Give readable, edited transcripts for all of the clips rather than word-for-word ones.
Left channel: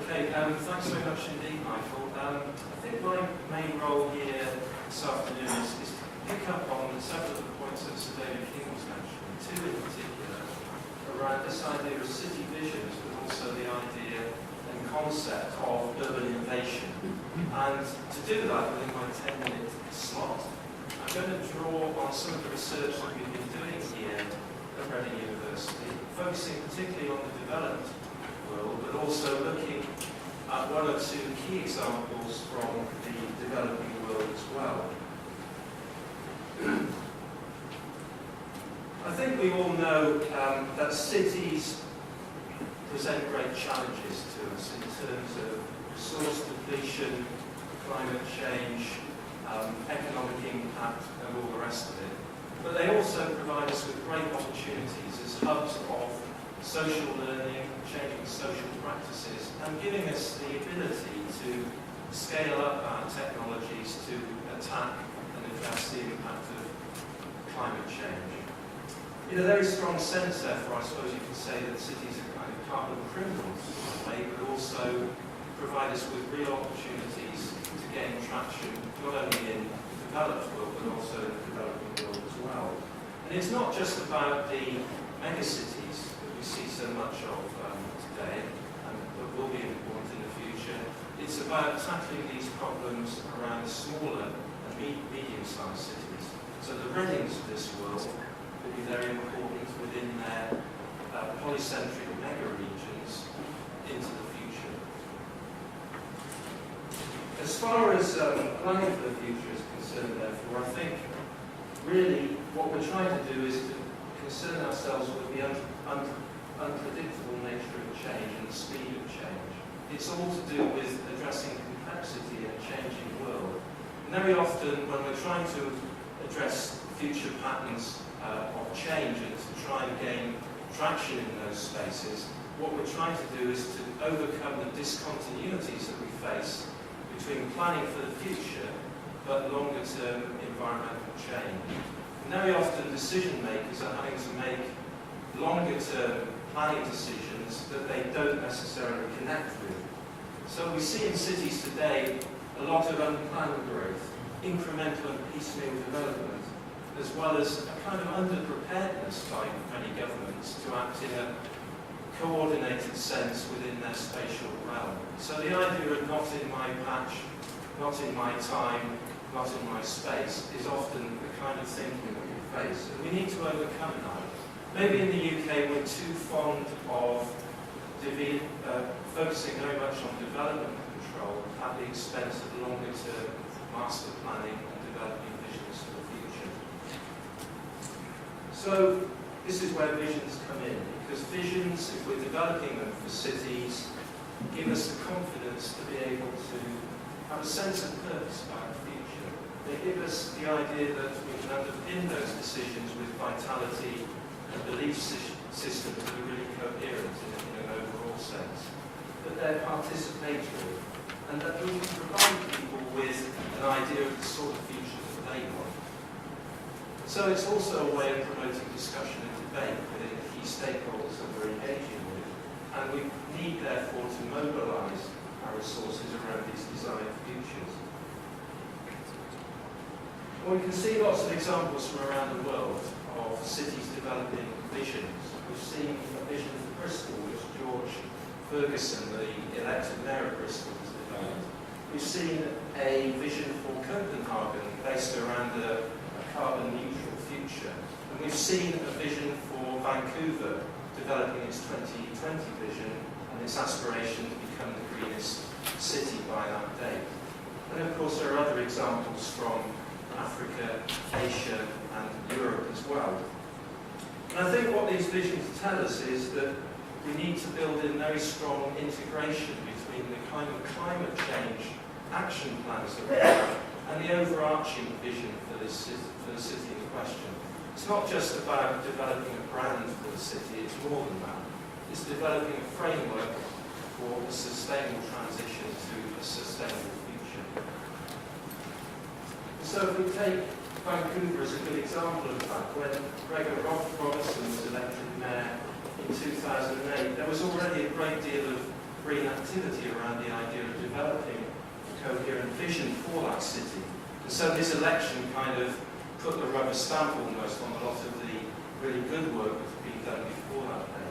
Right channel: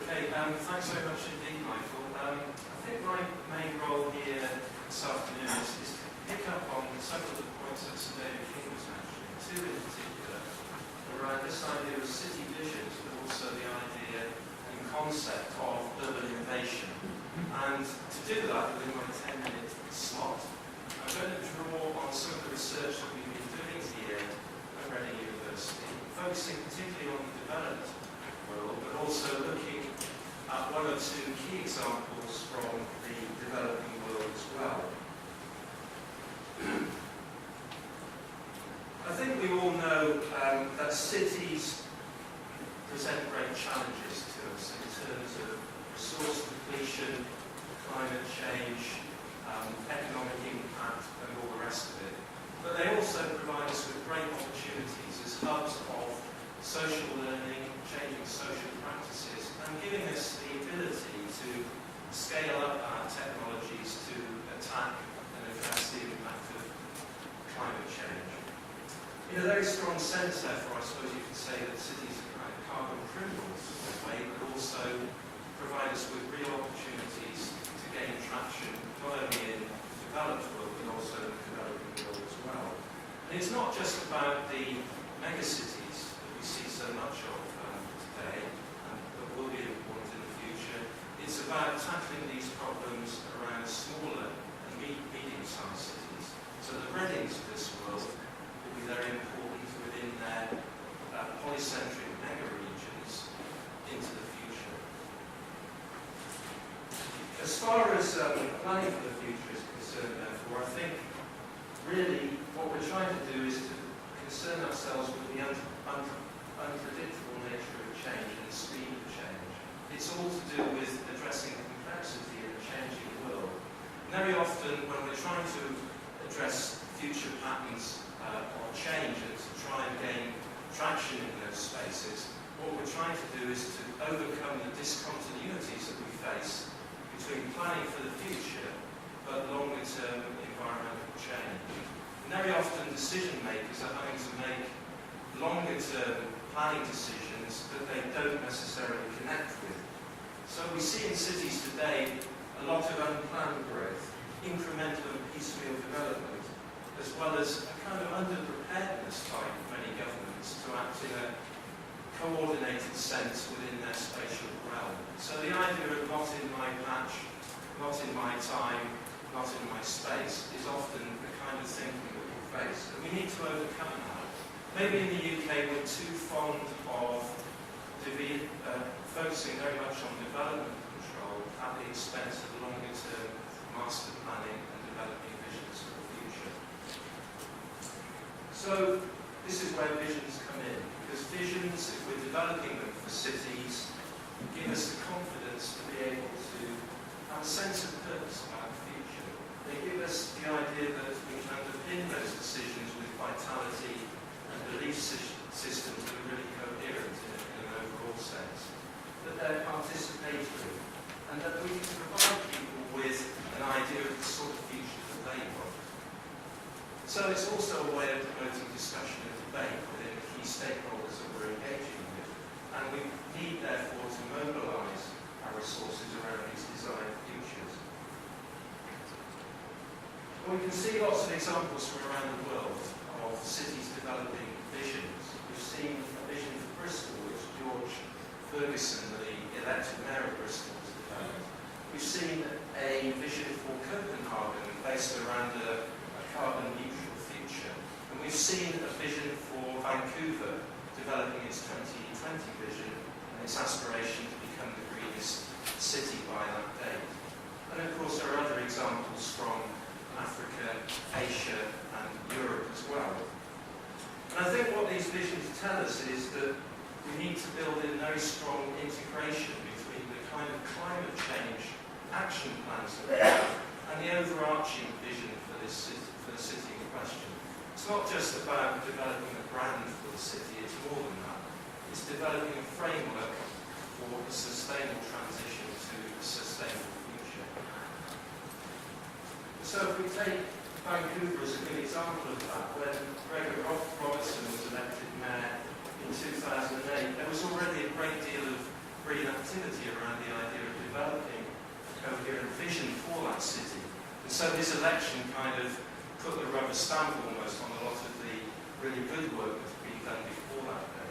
Okay, thanks very much indeed, Michael. I think my main role here this afternoon is to pick up on several of the points that Sir David King was mentioning, two in particular, around this idea of city visions, but also the idea and concept of urban innovation. And to do that within my 10-minute slot, I'm going to draw on some of the research that we've been doing here at Reading University, focusing particularly on the developed world, but also looking at one or two key examples from the developing world as well. I think we all know that cities present great challenges to us in terms of resource depletion, climate change, economic impact, and all the rest of it. But they also provide us with great opportunities as hubs of social learning, changing social practices, and giving us the ability to scale up our technologies to attack and address the impact of climate change. In a very strong sense, therefore, I suppose you could say that cities are kind of carbon criminals in a way, but also provide us with real opportunities to gain traction, not only in the developed world, but also in the developing world as well. And it's not just about the megacities that we see so much of today, and that will be important in the future. It's about tackling these problems around smaller and medium-sized cities. So the Readings of this world will be very important within their polycentric mega-regions into the future. As far as planning for the future is concerned, therefore, I think really what we're trying to do is to concern ourselves with the unpredictable nature of change and the speed of change. It's all to do with addressing complexity in a changing world. And very often, when we're trying to address future patterns of change and to try and gain traction in those spaces, what we're trying to do is to overcome the discontinuities that we face between planning for the future but longer-term environmental change. And very often decision makers are having to make longer-term planning decisions that they don't necessarily connect with. So we see in cities today a lot of unplanned growth, incremental and piecemeal development, as well as a kind of underpreparedness by many governments to act in a coordinated sense within their spatial realm. So the idea of not in my patch, not in my time, not in my space is often the kind of thinking that we face. And we need to overcome that. Maybe in the UK we're too fond of focusing very much on development control at the expense of longer-term master planning and developing visions for the future. So this is where visions come in, because visions, if we're developing them for cities, give us the confidence to be able to have a sense of purpose about the future. They give us the idea that we can underpin those decisions with vitality and belief systems that are really coherent in an overall sense, that they're participatory, and that we can provide people with an idea of the sort of future that they want. So it's also a way of promoting discussion and debate within the key stakeholders that we're engaging with, and we need therefore to mobilise our resources around these desired futures. Well, we can see lots of examples from around the world of cities developing visions. We've seen a vision for Bristol, which George Ferguson, the elected mayor of Bristol, has developed. We've seen a vision for Copenhagen based around a carbon-neutral future. And we've seen a vision for Vancouver developing its 2020 vision and its aspiration to become the greenest city by that date. And of course there are other examples from Africa, Asia and Europe as well. And I think what these visions tell us is that we need to build in very strong integration between the kind of climate change action plans that we have and the overarching vision for the city in question. It's not just about developing a brand for the city, it's more than that. It's developing a framework for a sustainable transition to a sustainable future. So if we take Vancouver as a good example of that, when Gregor Robertson was elected mayor in 2008, there was already a great deal of green activity around the idea of developing a coherent vision for that city. And so this election kind of put the rubber stamp almost on a lot of the really good work that's been done before that day.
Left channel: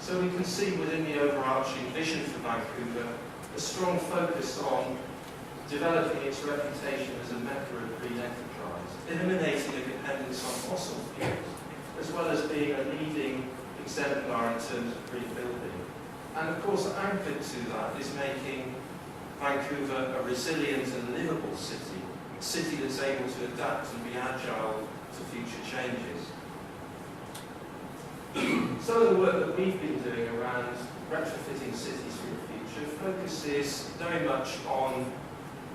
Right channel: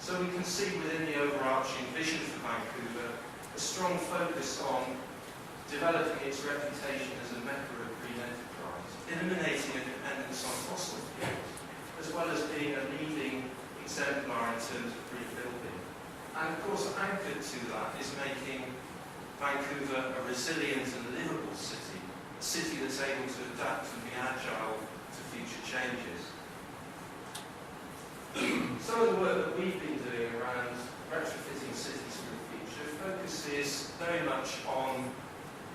So we can see within the overarching vision for Vancouver a strong focus on developing its reputation as a mecca of green enterprise, eliminating a dependence on fossil fuels, as well as being a leading exemplar in terms of green building. And of course, anchored to that is making Vancouver a resilient and livable city, a city that's able to adapt and be agile to future changes. Some of the work that we've been doing around retrofitting cities for the future focuses very much on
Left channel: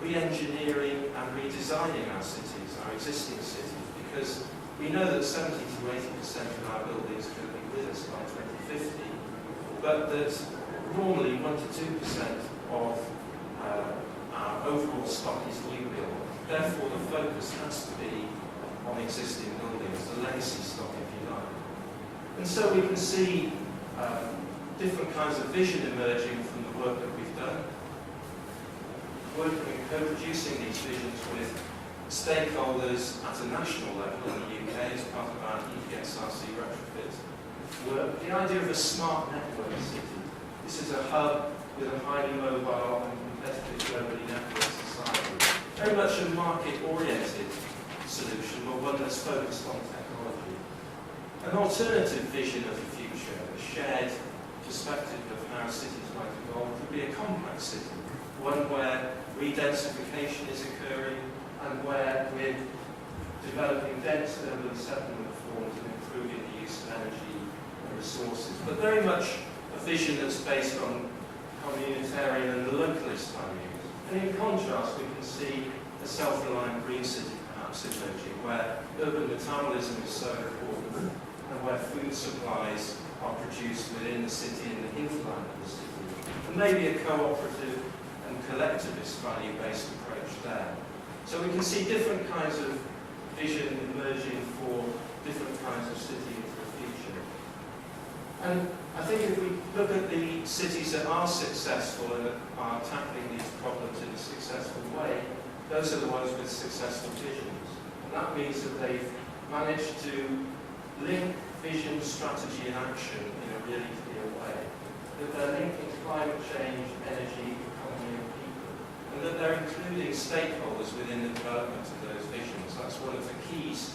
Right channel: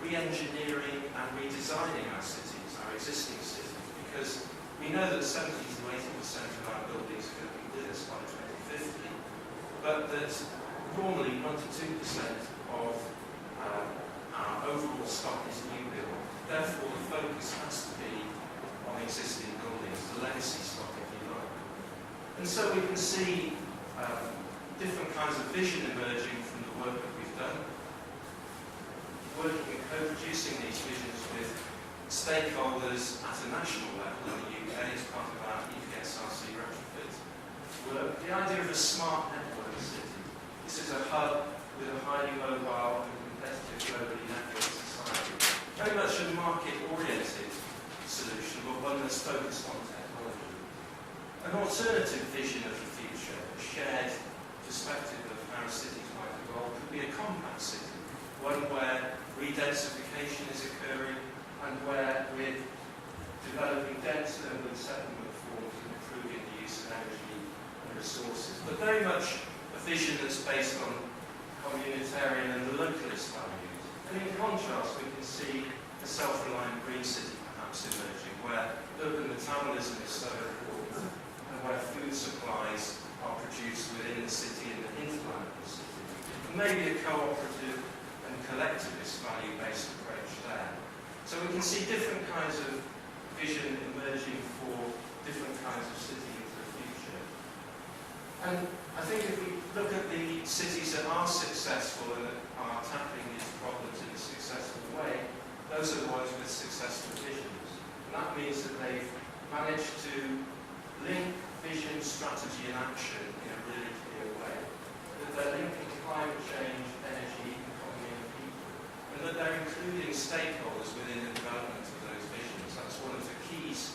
re-engineering and redesigning our cities, our existing cities, because we know that 70 to 80% of our buildings are going to be with us by 2050, but that normally 1 to 2% of our overall stock is new build. Therefore, the focus has to be on existing buildings, the legacy stock, if you like. And so we can see different kinds of vision emerging from the work that we've done, working and co-producing these visions with stakeholders at a national level in the UK as part of our EPSRC retrofit work. The idea of a smart network city. This is a hub with a highly mobile and competitive globally networked society. Very much a market-oriented solution, but one that's focused on technology. An alternative vision of the future, a shared perspective of how cities might evolve, could be a compact city, one where redensification is occurring and where we're developing dense urban settlement forms and improving the use of energy and resources. But very much a vision that's based on communitarian and localist values. And in contrast, we can see a self-reliant green city perhaps emerging, where urban metabolism is so important and where food supplies are produced within the city in the hinterland of the city. And maybe a cooperative and collectivist value-based approach there. So we can see different kinds of vision emerging for different kinds of city into the future. And I think if we look at the cities that are successful and that are tackling these problems in a successful way, those are the ones with successful visions. And that means that they've managed to link vision, strategy and action in a really clear way. That they're linking climate change, energy, economy and people. And that they're including stakeholders within the development of those visions. That's one of the keys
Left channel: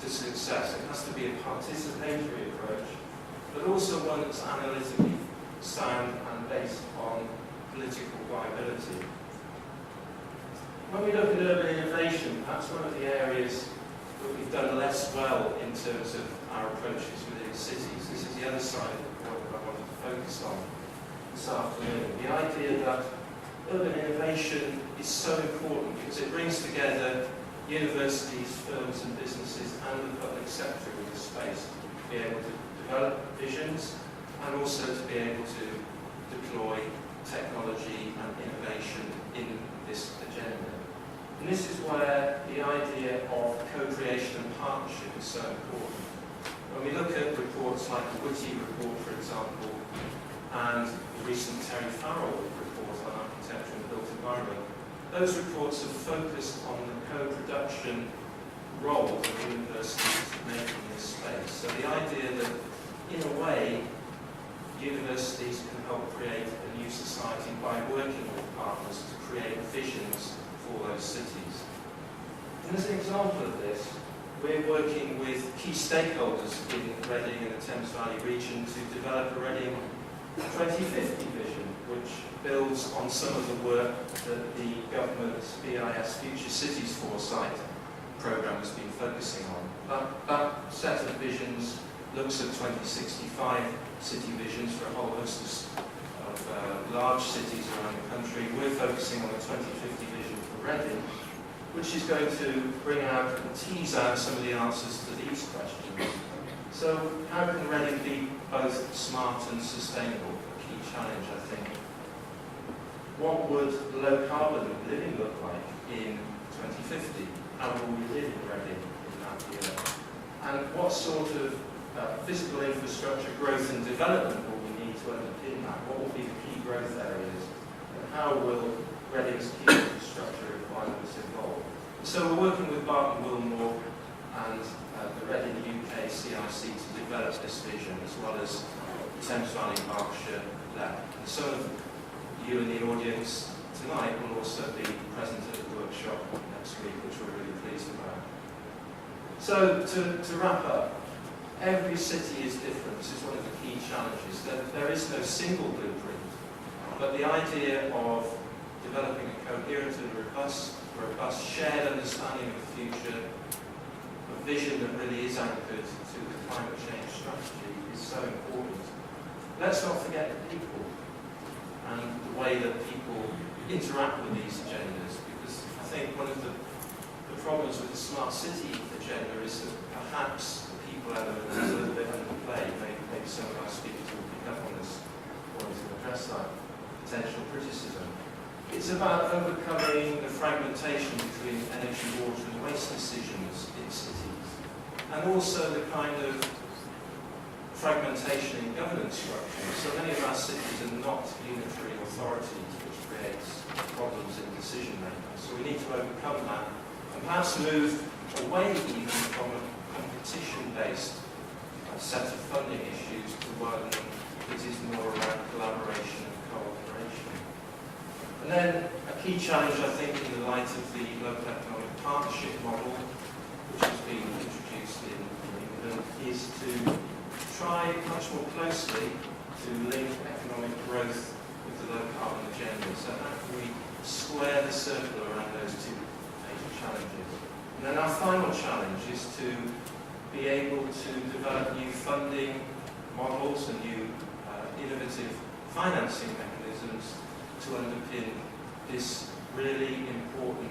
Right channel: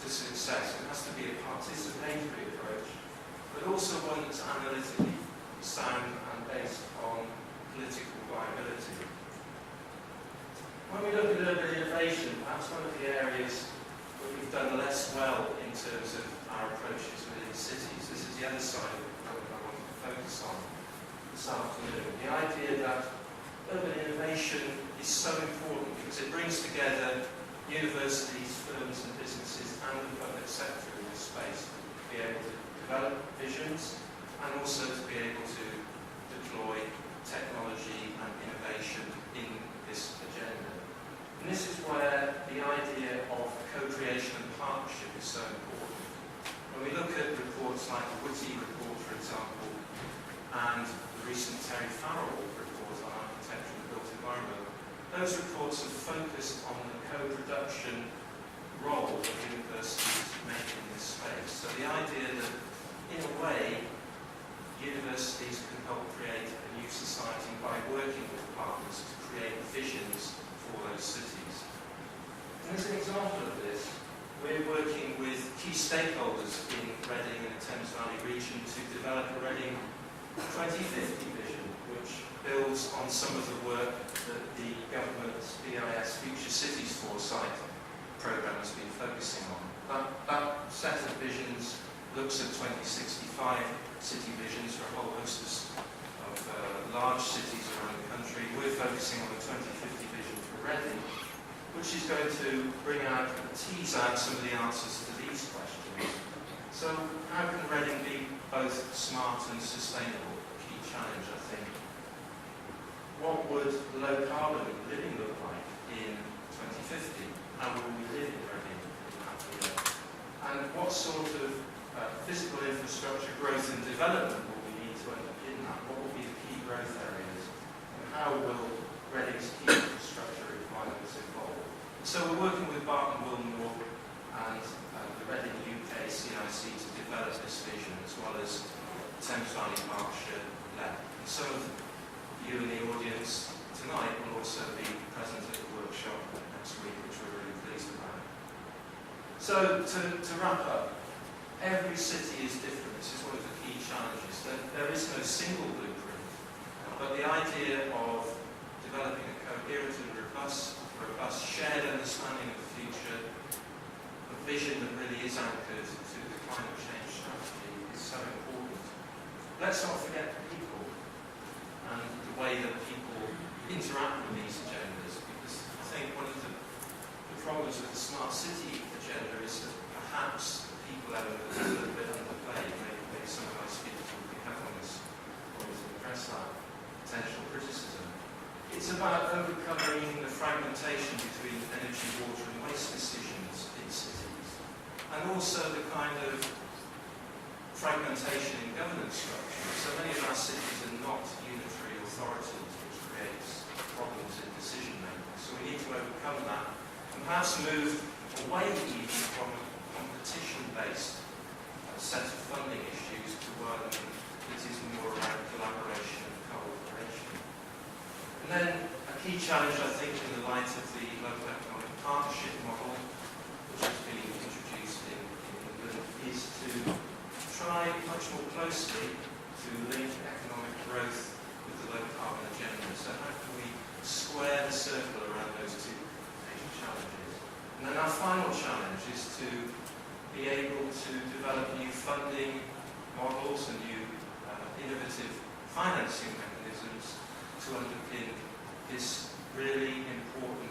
to success. It has to be a participatory approach, but also one that's analytically sound and based on political viability. When we look at urban innovation, perhaps one of the areas that we've done less well in terms of our approaches within cities, this is the other side of the problem I wanted to focus on this afternoon. The idea that urban innovation is so important because it brings together universities, firms and businesses and the public sector in this space to be able to develop visions and also to be able to deploy technology and innovation in this agenda. And this is where the idea of co-creation and partnership is so important. When we look at reports like the Whitty report, for example, and the recent Terry Farrell report on architecture and the built environment, those reports have focused on the co-production role of universities making this space. So the idea that, in a way, universities can help create a new society by working with partners to create visions for those cities. And as an example of this, we're working with key stakeholders in Reading and the Thames Valley region to develop a Reading 2050 vision, which builds on some of the work that the government's BIS Future Cities Foresight programme has been focusing on. That set of visions looks at 2065 city visions for a whole host of large cities around the country. We're focusing on the 2050 vision for Reading, which is going to bring out and tease out some of the answers to these questions. So how can Reading be both smart and sustainable? A key challenge, I think. What would low carbon living look like in 2050? How will we live in Reading in that year? And what sort of physical infrastructure growth and development will we need to underpin that? What will be the key growth areas? And how will Reading's key infrastructure requirements evolve? So we're working with Barton Wilmore and the Reading UK CIC to develop this vision, as well as Thames Valley Berkshire LEP. And some of you in the audience tonight will also be present at the workshop next week, which we're really pleased about. So to wrap up, every city is different. This is one of the key challenges. There is no single blueprint, but the idea of developing a coherent and robust shared understanding of the future, a vision that really is anchored to the climate change strategy, is so important. Let's not forget the people and the way that people interact with these agendas, because I think one of the problems with the smart city agenda is that perhaps the people element is a little bit underplayed. Maybe some of our speakers will pick up on this point and address that potential criticism. It's about overcoming the fragmentation between energy, water and waste decisions in cities, and also the kind of fragmentation in governance structure. So many of our cities are not unitary authorities, which creates problems in decision making. So we need to overcome that and perhaps move away even from a competition-based set of funding issues to one that is more around collaboration and cooperation. And then a key challenge, I think, in the light of the local economic partnership model, which has been introduced in England, is to try much more closely to link economic growth with the low carbon agenda. So how can we square the circle around those two major challenges? And then our final challenge is to be able to develop new funding models and new innovative financing mechanisms to underpin this really important